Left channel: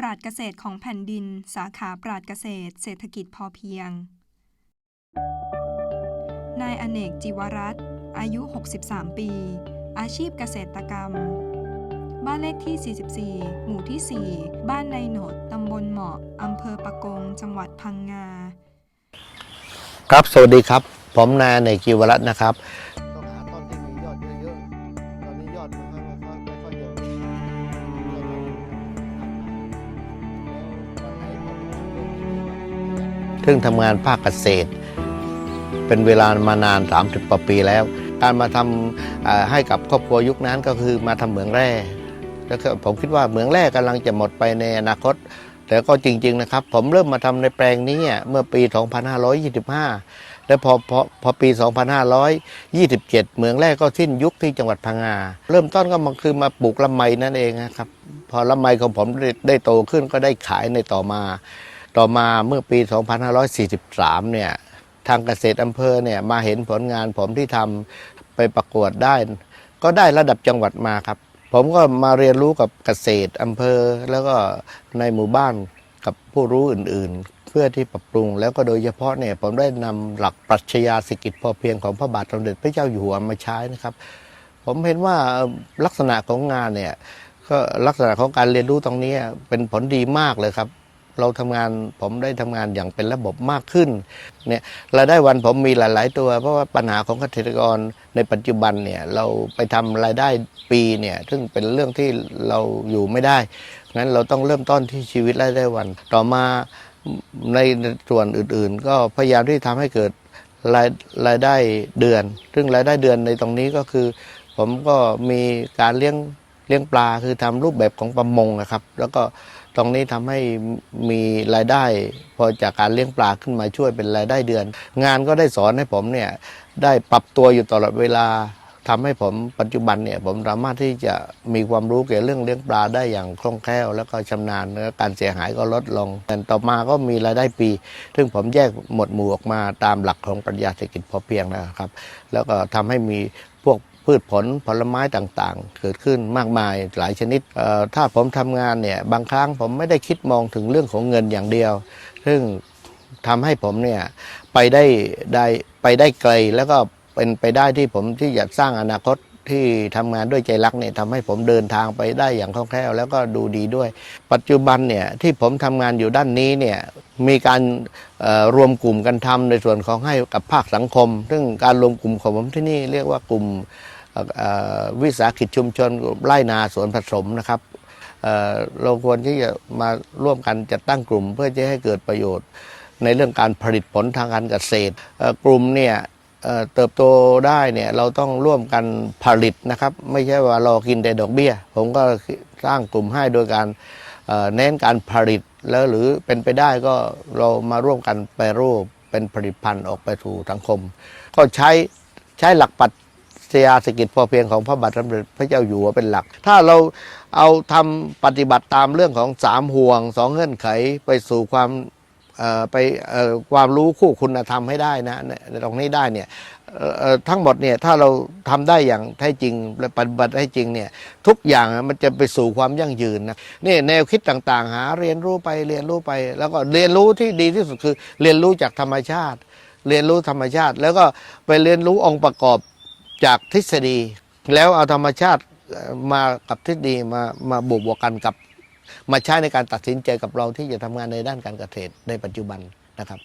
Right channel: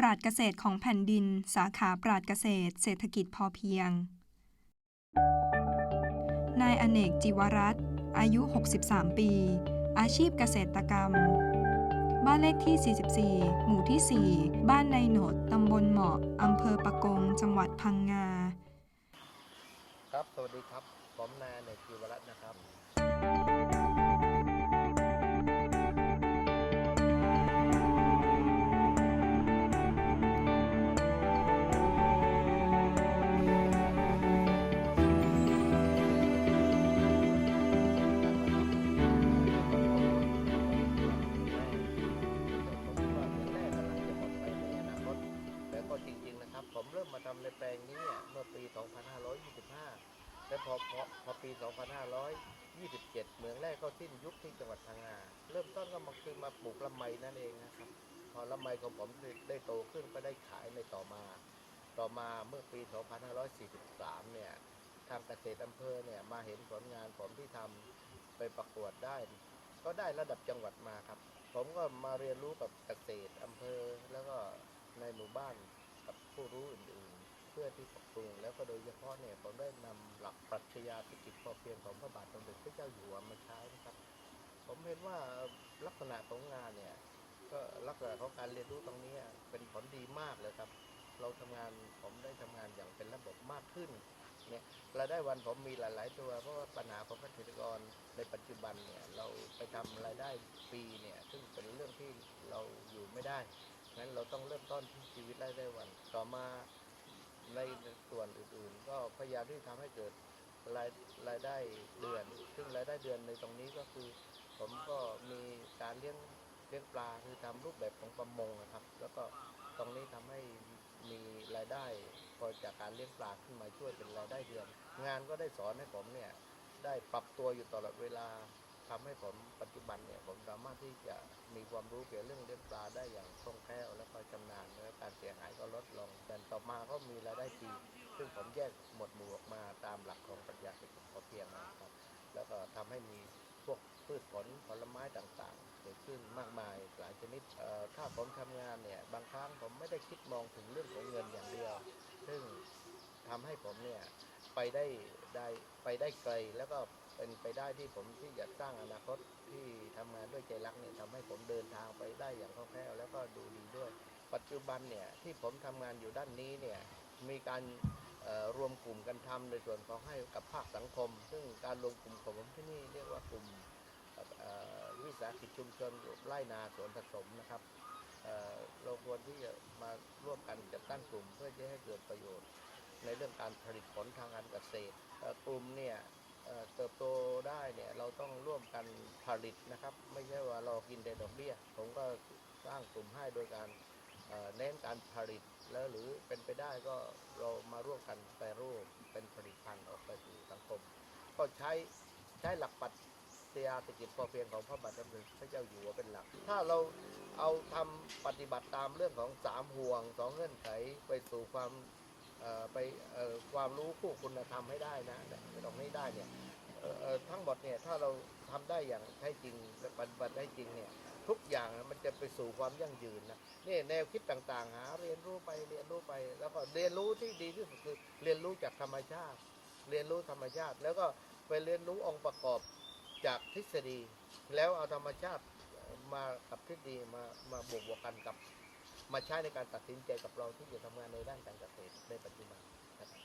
ปราดเกษตรของแผ่นดิน สาขาปราดเกษตร เศรษฐกิจพอเพียง นายอเนกจิวรัตน์อายุ 63 ปี อาชีพเกษตรกรรม บ้านเลขที่ 44 หมู่ที่ 4 บ้านในโหนดตำบลเหมาะอำเภอปะกง จังหวัดพังงา ครับ สวัสดีครับ ผมนายอเนกกิวรัตน์นะครับ ซึ่งทำงานภาคเกษตร เป็นเวลามานาน 30กว่าปีแล้ว การมาทำให้กับครอบครัวยุคนั้นก็คือมาทำเหมืองแร่แล้วผมคิดว่าเหมืองแร่กำลังจะหมดไปในอนาคต แต่ก็จริง ๆ นะครับ ผมเริ่มมาทำในแปลงนี้เมื่อปี 2525 แล้วพอพอพอปี 2527 เหมืองแร่ก็สิ้นยุคที่จังหวัดพังงา เริ่มต้นก็มาคือมาปลูกลำไมนั่นเองนะครับ พอลำไมของผมไดได้โตขึ้นก็ได้ขายในต่อมา ต่อมาเมื่อปี 2543 เนี่ยทางเกษตรอำเภอเนี่ยมาเห็นผลงานผมที่ทำไปประกวดได้ ก็ได้ระดับจังหวัดมาครับ ผมก็มาเรียนรู้กับเกษตรอำเภอ แล้วก็ในหมู่บ้านกับผู้รู้อื่นๆ เพื่อที่ปรับปรุง แล้วก็โดยเฉพาะเนี่ยผมได้นำหลักปรัชญาเศรษฐกิจพอเพียงของพระบาทสมเด็จพระเจ้าอยู่หัวมาใช้นะครับ ผมเห็นว่าลักษณะของงานเนี่ยก็ลักษณะของการเรียนรู้ตรงนี้เป็นผลดีมากเลยครับ เราทำงานผมได้ทำงานอย่างเป็นระบบมากขึ้นเนี่ยรายได้วันผมมีหลาย ๆ ตัว เพราะว่าปัญหาของเกษตรกรในปัจจุบันเนี่ยเราไปทำรายได้ปีเนี่ยซึ่งเป็นเรื่องที่เราอยู่ไม่ได้งั้นเราต้องเริ่มต้นที่ชีวิตรายได้วัน ต่อมาในส่วนอื่น ๆ ก็พยายามที่ทำให้เกิดรายรายได้เดือน ซึ่งรายได้เดือนในตรงนี้ก็คือ ผมก็มีการเลี้ยง เลี้ยงปลาคือทำรูปแบบของประมงนะครับ แล้วก็ตรงนี้ทำให้มีรายได้ พอจากการเลี้ยงปลาขึ้นมาช่วยเป็นรายได้เดือน งานก็ได้สอนให้ผมเนี่ยได้ปรับตัวอยู่ตลอดเวลาทำให้ผมปัจจุบันเนี่ยผมสามารถที่จะมีความรู้เกี่ยวกับเรื่องเลี้ยงปลาได้อย่างคล่องแคล่ว แล้วก็ชำนาญแล้วการเสียหายก็ลดลงแต่ต่อมาก็มีรายได้ปี ซึ่งผมแยกหมวดหมู่ออกมาตามหลักของปรัชญาเศรษฐกิจพอเพียงนะครับ แล้วก็ทำให้มีพวก พืชผลผลไม้ต่างๆ เกิดขึ้นมากมายหลายชนิด ถ้าผมทำงานเนี่ยบางครั้งผมไม่ได้คิดมองถึงเรื่องของเงินอย่างเดียว ซึ่งทำให้ผมเนี่ยไปได้ได้ไปได้ไกลแล้วก็เป็นไปได้ที่ผมที่จะสร้างอนาคตที่ทำงานด้วยใจรักเนี่ยทำให้ผมเดินทางไปได้อย่างคล่องแคล่วแล้วก็ดูดีด้วย ปัจจุบันเนี่ยที่ผมทำงานอยู่ด้านนี้เนี่ยมีการรวมกลุ่มกันทำในส่วนของให้กับภาคสังคม ซึ่งการรวมกลุ่มของผมที่นี่เรียกว่ากลุ่ม วิสาหกิจชุมชนไร่นาสวนผสมนะครับเเราควรที่จะมาร่วมกันจัดตั้งกลุ่มเพื่อจะให้เกิดประโยชน์ ในเรื่องการผลิตผลทางการเกษตรกลุ่มเนี่ยเเติบโตได้เนี่ยเราต้องร่วมกันผลิตนะครับ ไม่ใช่ว่ารอกินแต่ดอกเบี้ย ผมก็สร้างกลุ่มให้โดยการเอ่อเน้นการผลิตแล้วหรือเป็นไปได้ก็เรามาร่วมกันแปรรูปเป็นผลิตภัณฑ์ออกไปสู่สังคม ก็ใช้ใช้หลักปรัช เศรษฐกิจพอเพียงของพระบาทสมเด็จพระเจ้าอยู่หัวเป็นหลัก ถ้าเราเอาทำปฏิบัติตามเรื่องของสามห่วงสองเงื่อนไขไปสู่ความไปความรู้คู่คุณธรรมให้ได้นะตรงนี้ได้เนี่ยทั้งหมดเนี่ยถ้าเราทำได้อย่างแท้จริงและปฏิบัติให้จริงเนี่ยทุกอย่างมันจะไปสู่ความยั่งยืนนะนี่แนวคิดต่างๆ หาเรียนรู้ไปเรียนรู้ไป แล้วก็เรียนรู้ที่ดีที่สุดคือเรียนรู้จากธรรมชาติ เรียนรู้ธรรมชาติ แล้วก็ไปเรียนรู้องค์ประกอบ จากทฤษฎี แล้วเอาธรรมชาติมากับทฤษฎีมามาบวกบวกกันกับ มาใช้ในการตัดสินใจกับเราที่จะทำงานในด้านการเกษตรในปัจจุบันนะครับ